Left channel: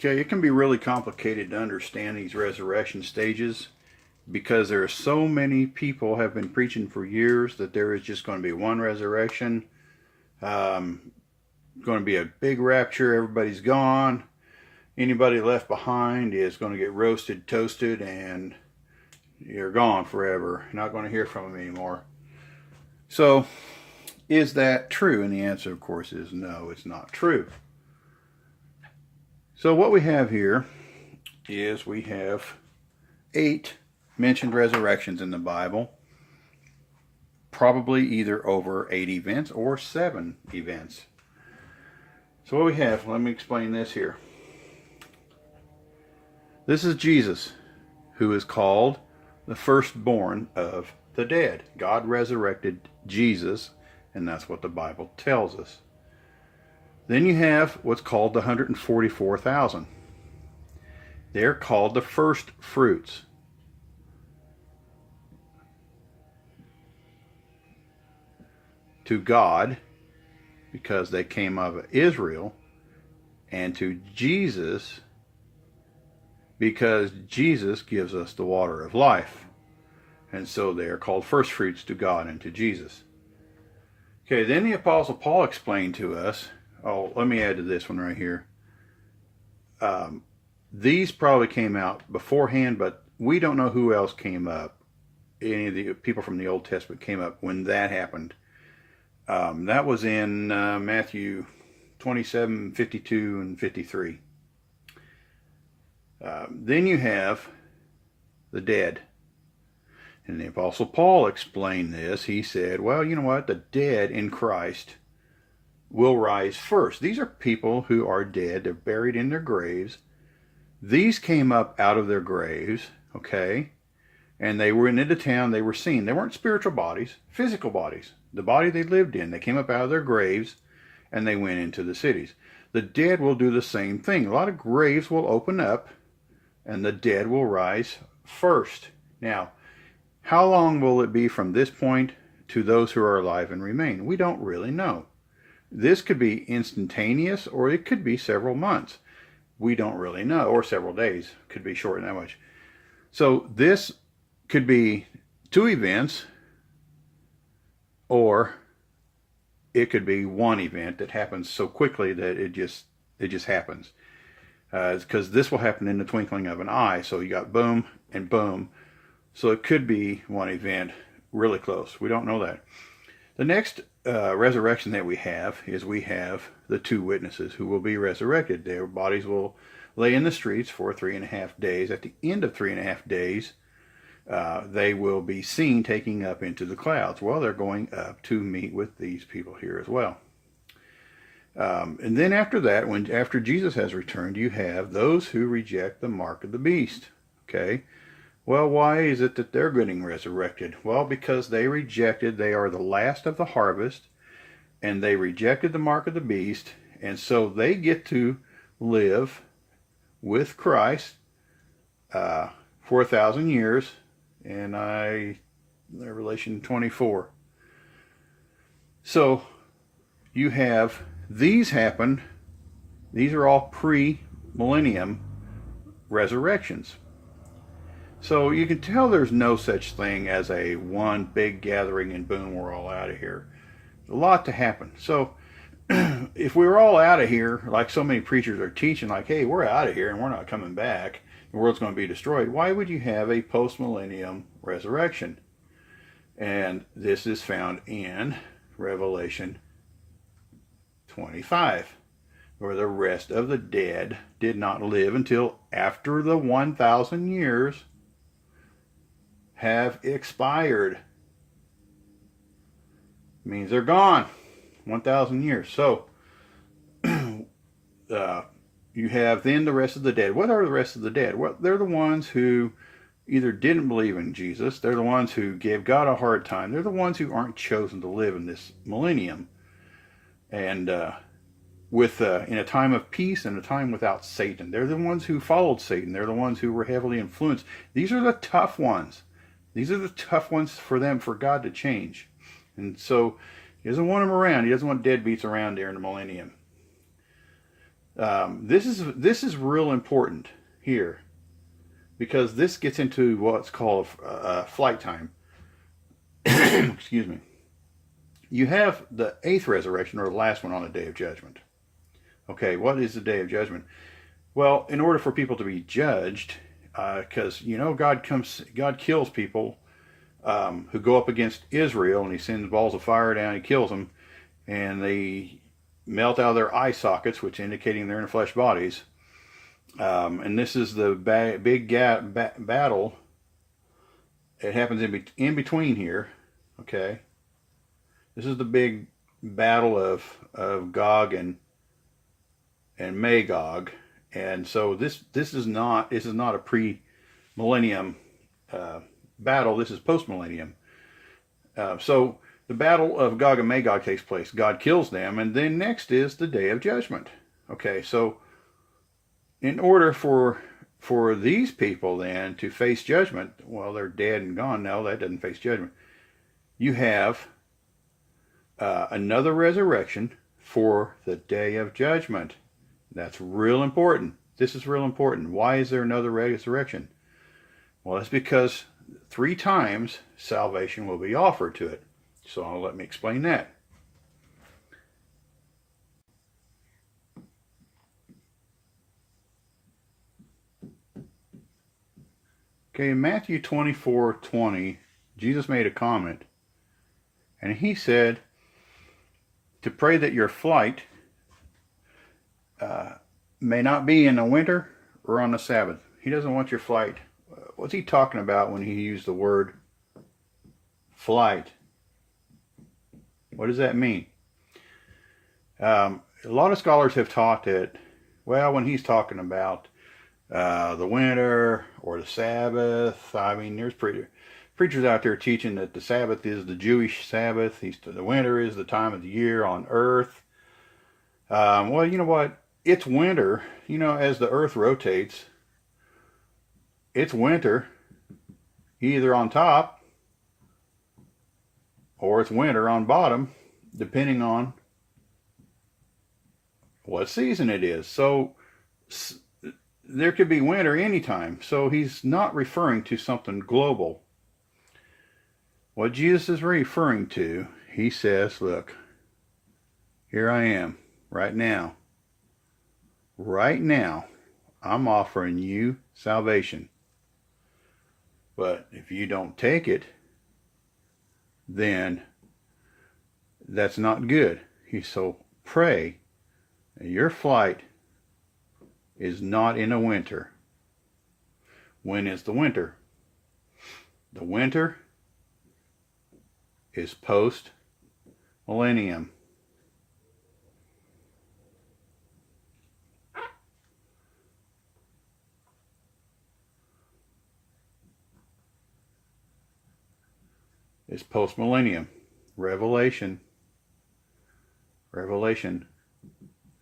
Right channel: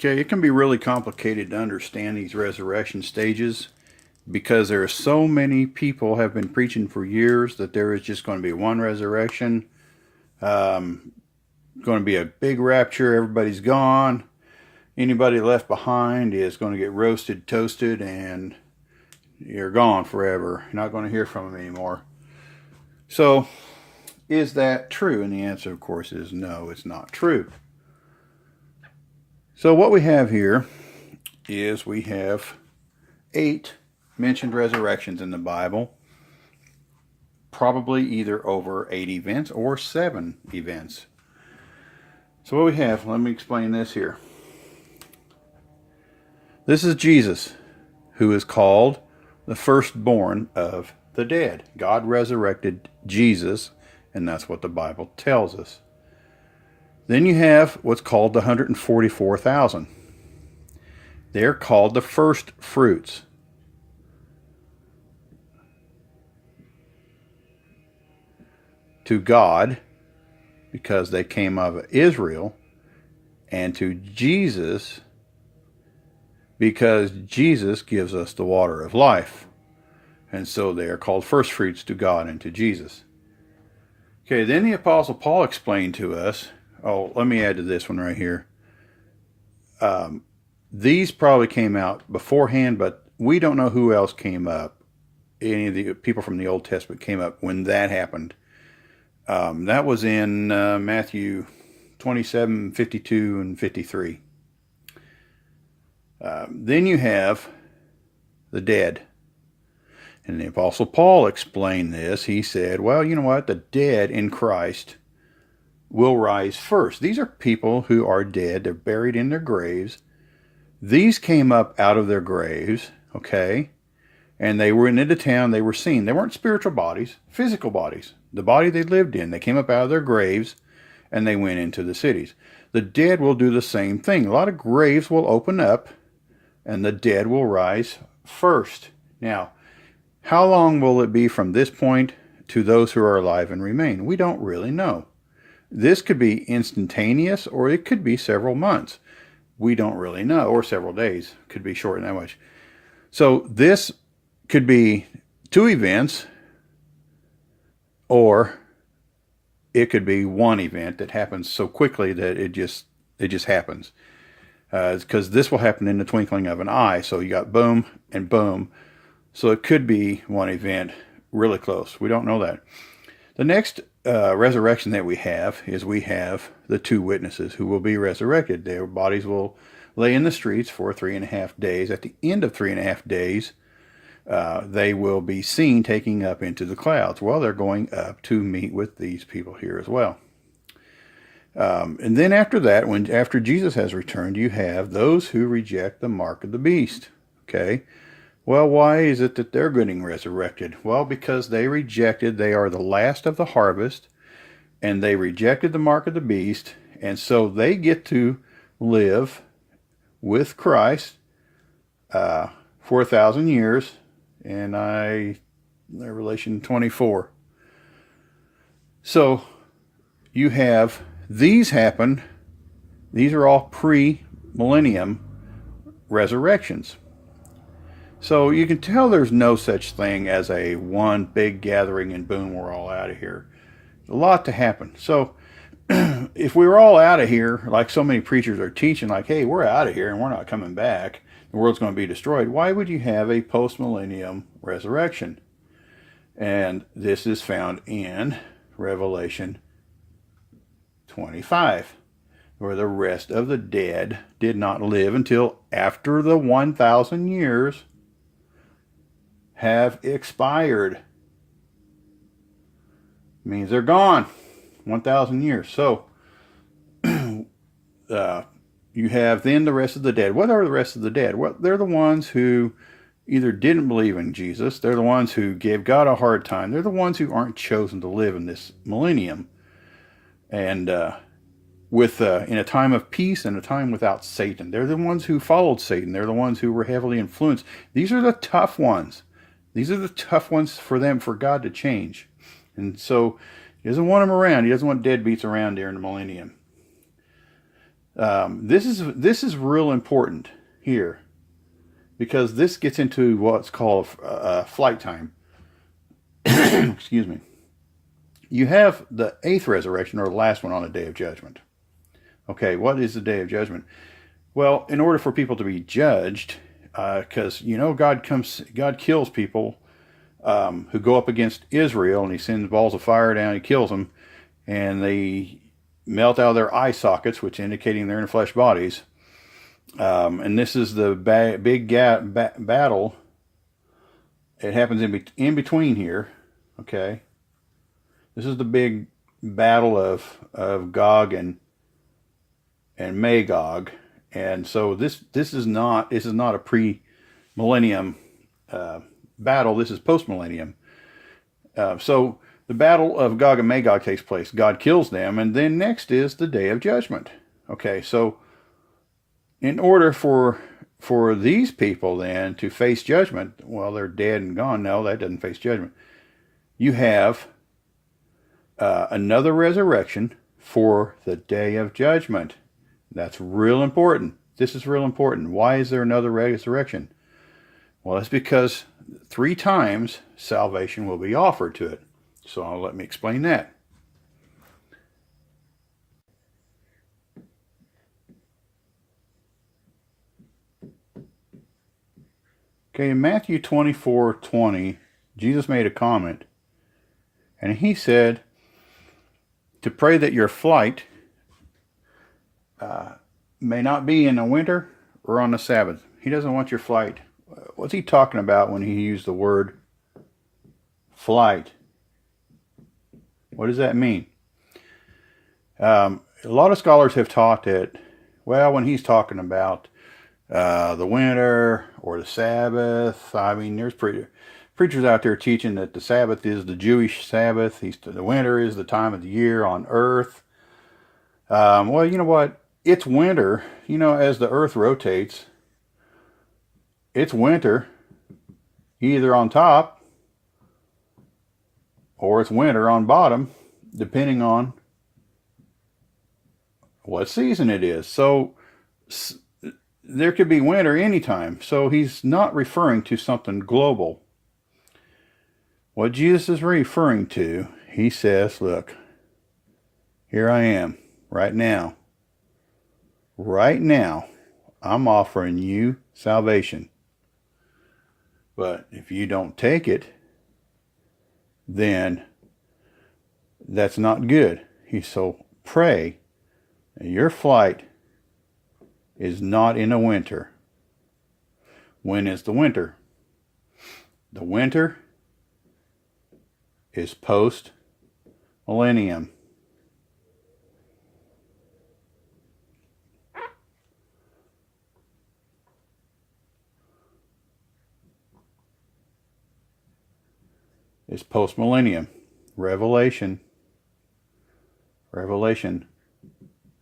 Okay, it can be really complicated to understand these resurrection stages because there are so many people have been preaching for years that there is just going to be one resurrection, um, going to be a big rapture, everybody's gone. Anybody left behind is going to get roasted, toasted, and you're gone forever. You're not going to hear from them anymore. So, is that true? And the answer, of course, is no, it's not true. So what we have here is we have 8 mentioned resurrections in the Bible, probably either over 8 events or 7 events. So what we have, let me explain this here. This is Jesus, who is called the firstborn of the dead. God resurrected Jesus, and that's what the Bible tells us. Then you have what's called the 144,000. They're called the first fruits. To God, because they came out of Israel, and to Jesus, because Jesus gives us the water of life. And so they are called first fruits to God and to Jesus. Okay, then the Apostle Paul explained to us, let me add to this one right here. These probably came out beforehand, but we don't know who else came up. Any of the people from the Old Testament came up when that happened. That was in Matthew 27, 52, and 53. Then you have the dead. And the Apostle Paul explained this. He said, well, you know what? The dead in Christ will rise first. These are people who are dead. They're buried in their graves. These came up out of their graves, okay? And they went into town. They were seen. They weren't spiritual bodies, physical bodies. The body they lived in. They came up out of their graves and they went into the cities. The dead will do the same thing. A lot of graves will open up and the dead will rise first. Now, how long will it be from this point to those who are alive and remain? We don't really know. This could be instantaneous or it could be several months. We don't really know. Or several days. Could be short that much. So this could be 2 events, or it could be one event that happens so quickly that it just happens. Because this will happen in the twinkling of an eye. So you got boom and boom. So it could be one event really close. We don't know that. The next resurrection that we have is we have the 2 witnesses who will be resurrected. Their bodies will lay in the streets for 3.5 days. At the end of 3.5 days, they will be seen taking up into the clouds. Well, they're going up to meet with these people here as well. And then after that, after Jesus has returned, you have those who reject the mark of the beast. Okay. Well, why is it that they're getting resurrected? Well, because they are the last of the harvest, and they rejected the mark of the beast, and so they get to live with Christ for 1,000 years, in Revelation 24. So you have these happen. These are all pre-millennium resurrections. So you can tell there's no such thing as a one big gathering and boom, we're all out of here. A lot to happen. So if we were all out of here, like so many preachers are teaching, like, hey, we're out of here and we're not coming back, the world's going to be destroyed, why would you have a post-millennium resurrection? And this is found in Revelation 25, where the rest of the dead did not live until after the 1,000 years have expired. Means they're gone. 1,000 years. So you have then the rest of the dead. What are the rest of the dead? Well, they're the ones who either didn't believe in Jesus. They're the ones who gave God a hard time. They're the ones who aren't chosen to live in this millennium. And in a time of peace and a time without Satan. They're the ones who followed Satan. They're the ones who were heavily influenced. These are the tough ones. These are the tough ones for God to change. And so he doesn't want them around. He doesn't want deadbeats around during the millennium. This is real important here because this gets into what's called flight time. Excuse me. You have the eighth resurrection, or the last one, on the day of judgment. Okay, what is the day of judgment? Well, in order for people to be judged, because God kills people who go up against Israel, and He sends balls of fire down, He kills them, and they melt out of their eye sockets, which indicating they're in flesh bodies. And this is the big battle. It happens in between here. Okay, this is the big battle of Gog and Magog, and so this is not a pre-millennium battle. This is post-millennium. So the battle of Gog and Magog takes place. God kills them, and then next is the day of judgment. Okay, so in order for these people then to face judgment, well, they're dead and gone. No, that doesn't face judgment. You have another resurrection for the day of judgment. That's real important. This is real important. Why is there another resurrection? Well, that's because 3 times salvation will be offered to it. So let me explain that. Okay, in Matthew 24:20, Jesus made a comment, and He said to pray that your flight may not be in the winter or on the Sabbath. He doesn't want your flight. What's He talking about when He used the word flight? What does that mean? A lot of scholars have taught that, well, when He's talking about the winter or the Sabbath, I mean, there's preachers out there teaching that the Sabbath is the Jewish Sabbath. The winter is the time of the year on earth. Well, you know what? It's winter. You know, as the earth rotates, it's winter either on top or it's winter on bottom, depending on what season it is. So there could be winter anytime. So He's not referring to something global. What Jesus is referring to, He says, look, here I am right now. Right now, I'm offering you salvation. But if you don't take it, then that's not good. So pray that your flight is not in the winter. When is the winter? The winter is post-millennium. It's post-millennium. Revelation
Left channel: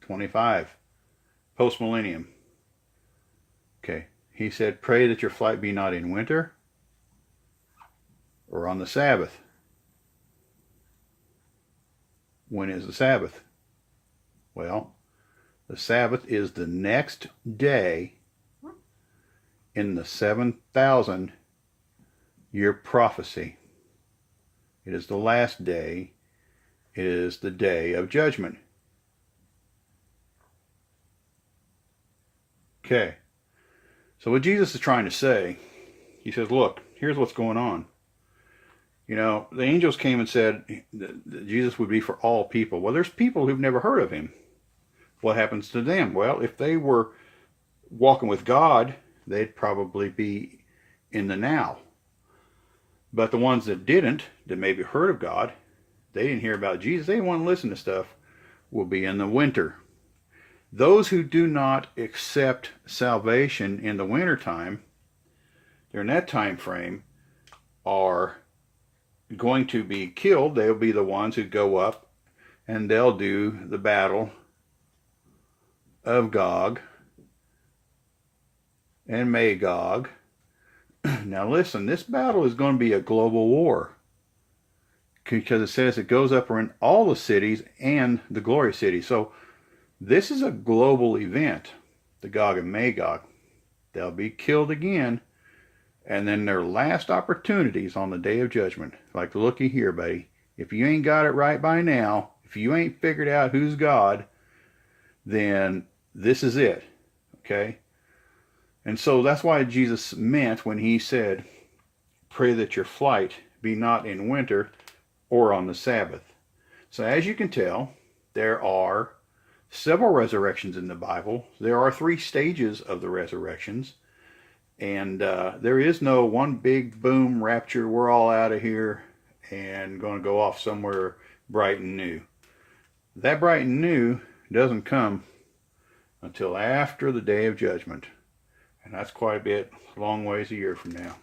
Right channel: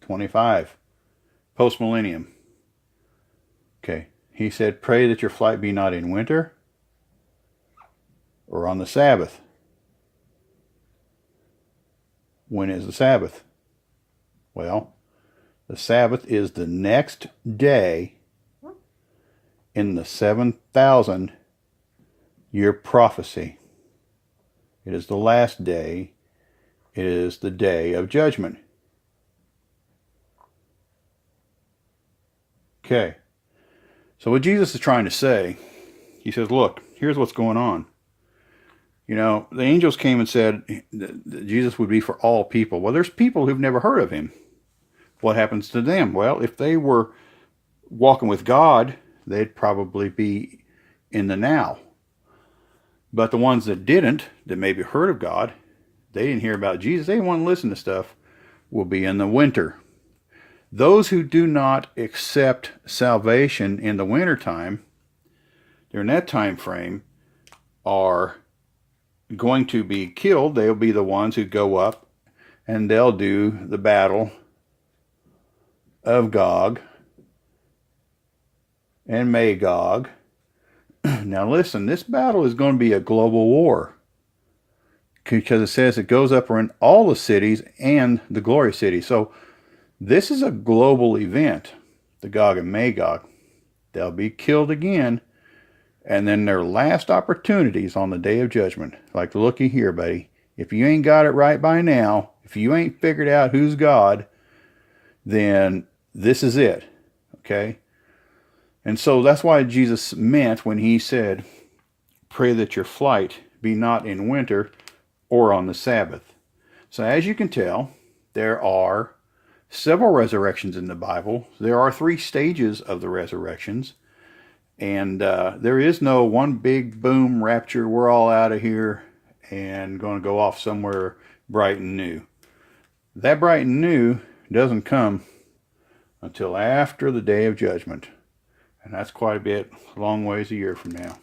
25. Post-millennium. Okay. He said, pray that your flight be not in winter or on the Sabbath. When is the Sabbath? Well, the Sabbath is the next day in the 7,000 year prophecy. It is the last day. It is the day of judgment. Okay. So what Jesus is trying to say, He says, look, here's what's going on. You know, the angels came and said that Jesus would be for all people. Well, there's people who've never heard of Him. What happens to them? Well, if they were walking with God, they'd probably be in the now. But the ones that didn't, that maybe heard of God, they didn't hear about Jesus, they didn't want to listen to stuff, will be in the winter. Those who do not accept salvation in the wintertime, during that time frame, are going to be killed. They'll be the ones who go up and they'll do the battle of Gog and Magog. Now listen, this battle is going to be a global war, because it says it goes up around all the cities and the glory city. So This is a global event, the Gog and Magog. They'll be killed again, and then their last opportunities on the day of judgment. Like, looky here, buddy. If you ain't got it right by now, if you ain't figured out who's God, then this is it. Okay? And so that's why Jesus meant when he said, pray that your flight be not in winter or on the Sabbath. So as you can tell, there are several resurrections in the Bible. There are 3 stages of the resurrections. And there is no one big boom rapture, we're all out of here and going to go off somewhere bright and new. That bright and new doesn't come until after the day of judgment. And that's quite a bit, long ways a year from now.